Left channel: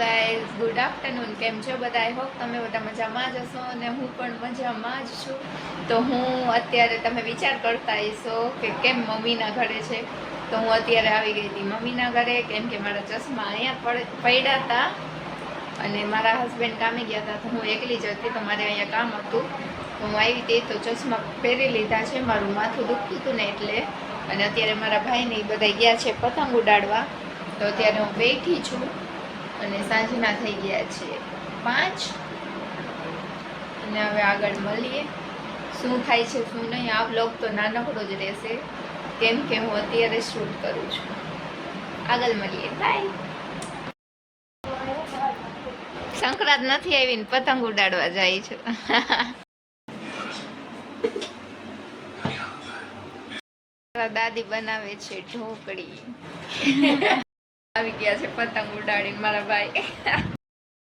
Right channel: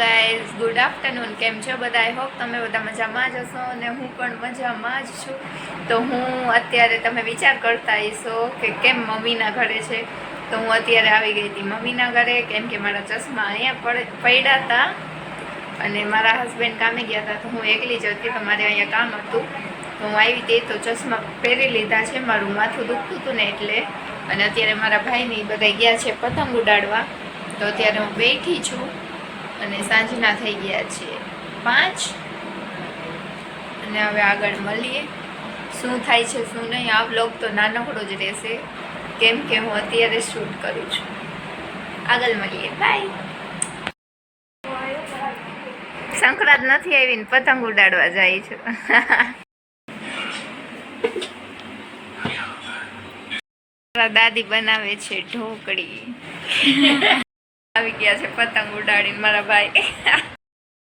Guys good afternoon. કેમ છો બધા? આઈ હોપ તમે બધા મજામાં જ હશો અને હું પણ મજામાં જ છું. તો હું અત્યારે તમે વિચાર કરતા હશો કે કેમ મમ્મીના ઘરે છે. તો હું અત્યારે આવી ગઈ હતી મમ્મીના ઘરે, કેમ કે મારા ચશ્મા અહીંયા પડ્યા હતા અને મારા હસબન્ડ કામે ગયા હતા. તો હું એકલી જ હતી, તો મારે અહીંયા કામ હતું. તો હું આવી હતી તો ચશ્મા પહેરી લીધા છે. મારું માથું દુખતું હતું ને એટલે. અને અત્યારે મારા ભાઈને બધા ગયા છે પતંગ ઉડાડવા. તો અત્યારે હું બેઠી છું અને સાંજના થઈ ગયા છે 5 અને હવે આગળ મળીએ શું થાય છે શું નહીં. આ વ્લોગ તો નાનકડો જ રહેશે કેમ કે હું અત્યારે શૂટ કરું છું. આગળ મળીએ, બાય. સંક્રાંત નથી આવી ને પતંગ ઉડાડવા જાય છે. દાદી બનાવે છે ઢોકળી. આવી ગયા છે પતંગ ઉડાડીને મારા ભાઈ.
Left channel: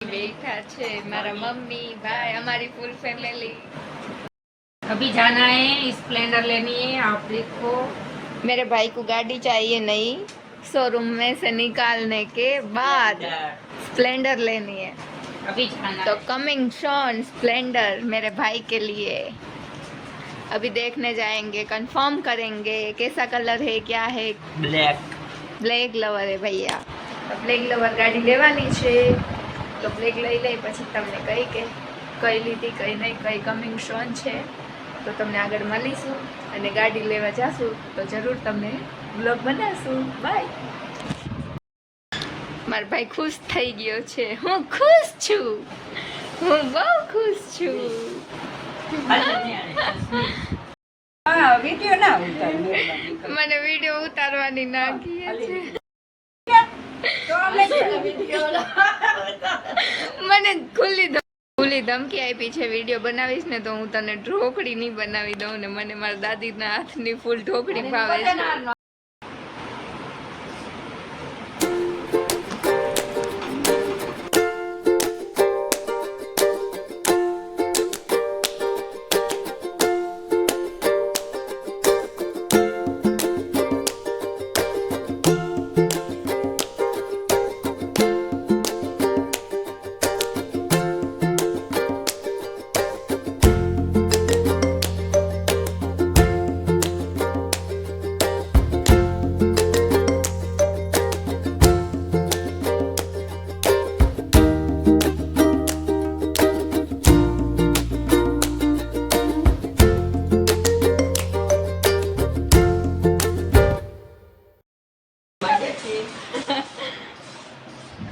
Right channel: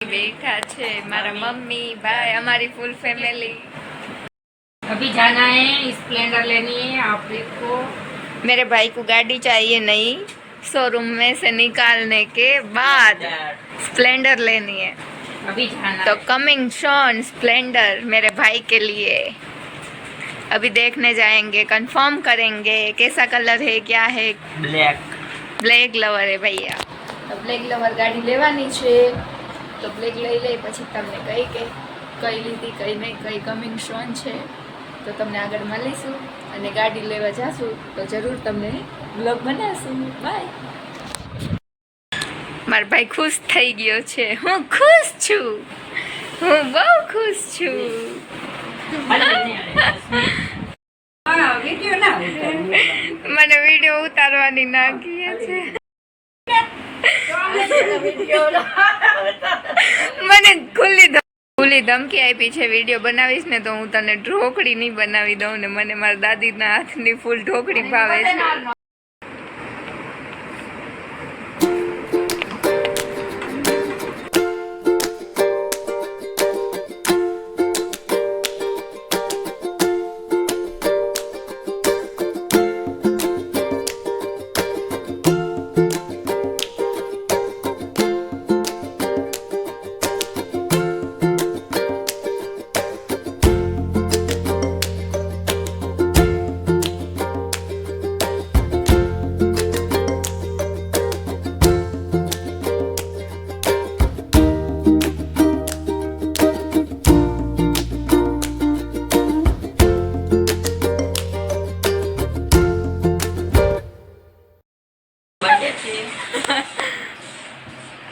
बैठा છે મારા મમ્મી ભાઈ, हमारी फुल फैमिली. अभी जाना है, स्प्लेंडर लेनी है आप को. मेरे भाई को गाड़ी चाहिए नहीं, शोरूम में से निकालने के बाद स्प्लेंडर लेनी है. अभी जाना तो कमिंग शॉन स्प्लेंडर मेरे भाई के लिए. अभी देखने जाएंगे, कंफर्म करेंगे कैसा कलर है क्या है. બ્લેક લવર હે ભૈયા. તો બ્લેક લવર ગાડી લેવાની છે. તો બ્લેક લઈ લઈ પછી તમને કઈ કે કઈ લીધી કઈ નહીં, કઈ કમિંગ શોન છે તો તમને આગળ મળીશું અને ગાડી લેવા જાશું તો જરૂર તમને બ્લોગ બનાવશું. બાય. મારો ભાઈ ખુશ થઈ ગયો છે. હું ખુશ છું, હું બહુ ખુશ છું. મને વિડીયો ઉતારવાની ના કહે છે. મને ખુલ્લી ધમકી આપી છે, વિડીયો બનાવીશ ને તો હું તને ઢોકળી નહીં બનાવી દઉં. ને મને મારા દાદીના હાથની ફૂલ ઢોકળી ભાવે છે.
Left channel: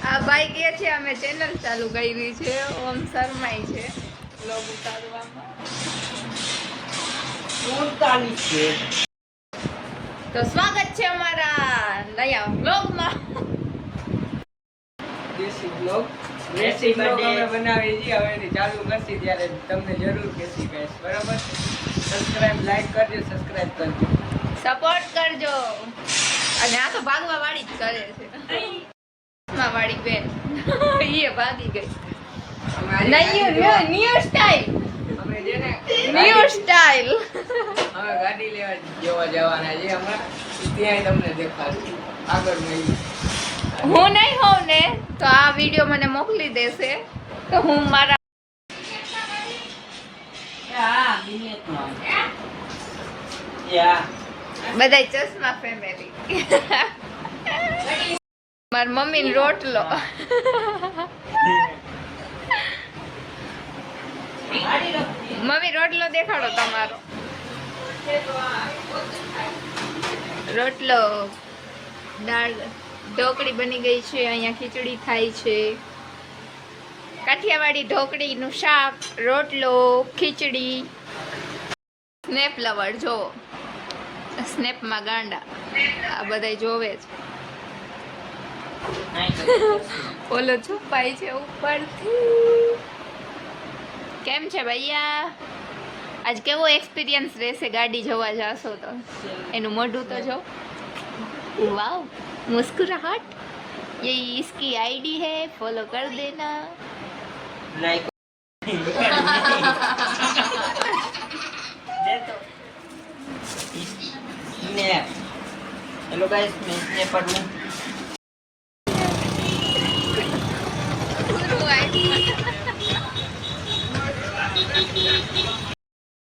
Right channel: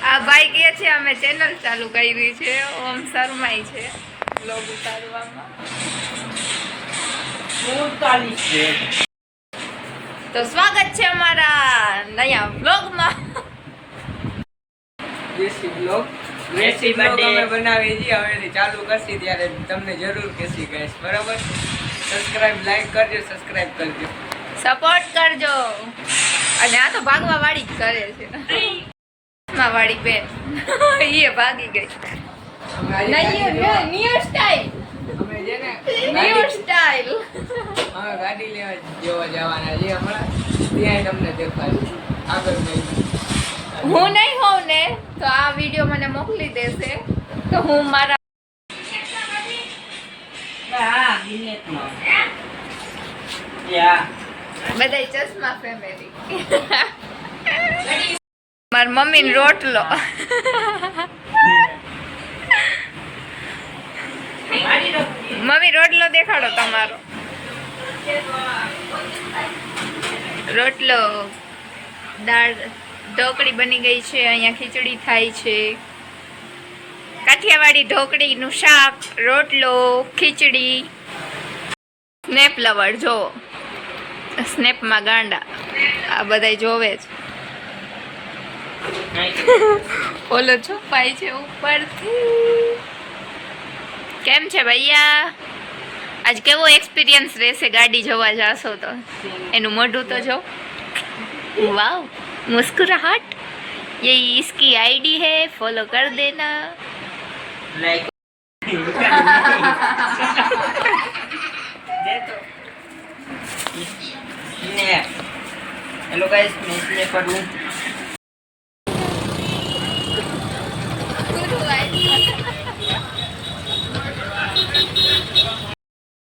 આ ભાઈ કહે છે અમે ચેનલ ચાલુ કરી છે. ઓમ શરમાઈ છે બ્લોગ ઉતારવામાં. તો સ્વાગત છે અમારા નયા બ્લોગમાં. દેશી બ્લોગ અમે બનાવી છીએ, હવે ચાલુ કરશી ત્યારે તમને જરૂર કહેશી ગાઈસ. બરાબર, સબસ્ક્રાઇબ લાઈક કરજો, સબસ્ક્રાઇબ કરજો, સપોર્ટ કરજો. અને આ તો ભાગવા વાળી જ કરે છે વાળી બેન. એ ભાગી ગઈ. ન્યુ સ્ટાઇલ હવે ગાડી લેવા જોવા જવાના છે હમણાં. ત્યાં તમને દેખાડશું આગળ નહીં. હું નહીં હોઉં ને તો આ વિડીયો મને મોકલી દેશે તો હું મારા બધા ચશ્મા ફેમિલી. મારી મમ્મી રોટલો. મમ્મી રોટલો દેખાડો તમારો. રોટલો, દાળ ઢોકળી બની ગઈ છે. અહીંયા ખીચડી થાય છે. કાઠિયાવાડી ઢોકળીનું શાક, રોટલો, ખીચડી. સ્નેપ લવર જો, સ્નેપમાં ગાંડા આ બધા જોવે છે. ઓલો છુપાય છે ઉપરથી. કેમ છે ભૈયા? આજ કેવો એક્સપિરિયન્સ રહેશે ગાડી જોવા જાશો તો? એનું મોઢું તો જો. वाह, मुस्कुराहट. ये इसकी आईडी है, फॉलो कर देना. લાઈક દે તો ને. હેલો ગાઈસ, મેં સ્નેપર હું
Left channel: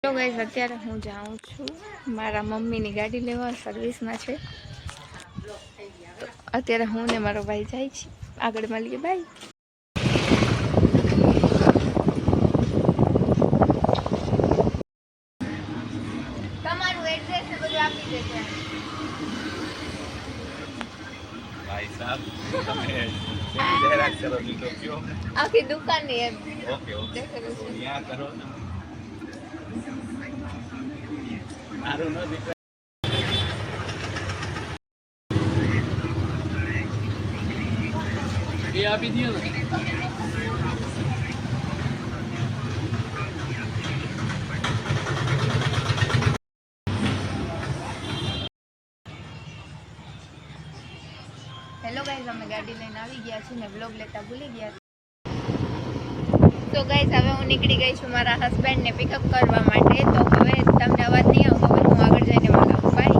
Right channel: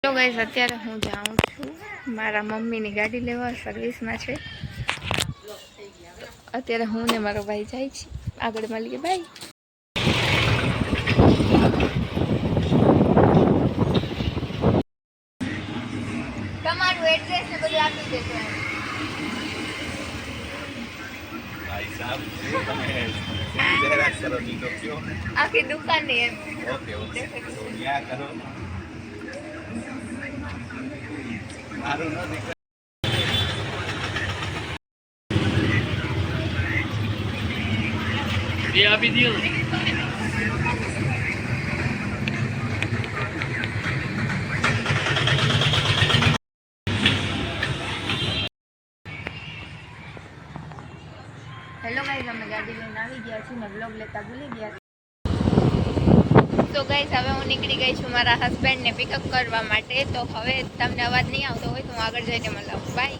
તો ગાઈસ અત્યારે હું જાઉં છું મારા મમ્મીની ગાડી લેવા, સર્વિસમાં છે. અત્યારે હું ને મારો ભાઈ જાય છે, આગળ મળીએ. બાય. તમારું એડ્રેસ ને બધું આપી દેજો. ભાઈ સાહેબ તમે શેની જાહેરાત કરો છો તો કયો. આખી દુકાનની એમ. ઓકે ઓકે તો ત્યાં કરો ને મારું નથી. એ આપી દો. હેલો ગાઈઝ, અમે ગાડી લઈને આવી ગયા છીએ ને વ્લોગ લેતા ભૂલી ગયા. તો ગાઈઝ હવે હું નીકળી ગઈ છું મારા હસબન્ડને પિકઅપ કરવા માટે. તો હવે તમને અવાજ નહીં આવતો હોય તો હું આગળ જઈને મળાવું. બાય.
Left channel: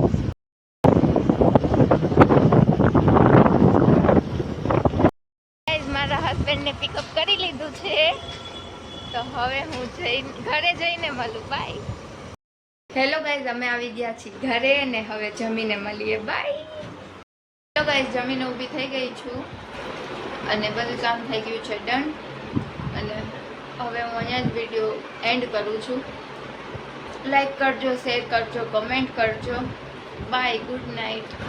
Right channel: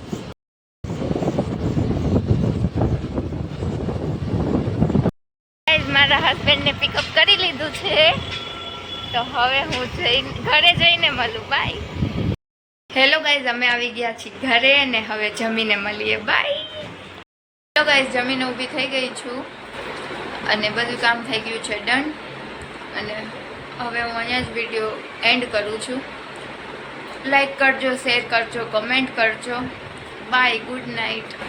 ગાઈઝ મારા હસબન્ડને પિકઅપ કરી લીધું છે, તો હવે હું ઘરે જઈને મળું. બાય. હેલો ગાઈઝ, અમે આવી ગયા છીએ ઘરે ને હવે જમીને મળીએ. બાય. હેલો ગાઈઝ, જમીને ઊભી થઈ ગઈ છું અને બધું કામ થઈ ગયું છે ડન. અને હવે હું અહીંયા જ વિડીયો એન્ડ કરું છું. લાઈક કરજો, શેર કરજો, કમેન્ટ કરજો. બાય. Good night.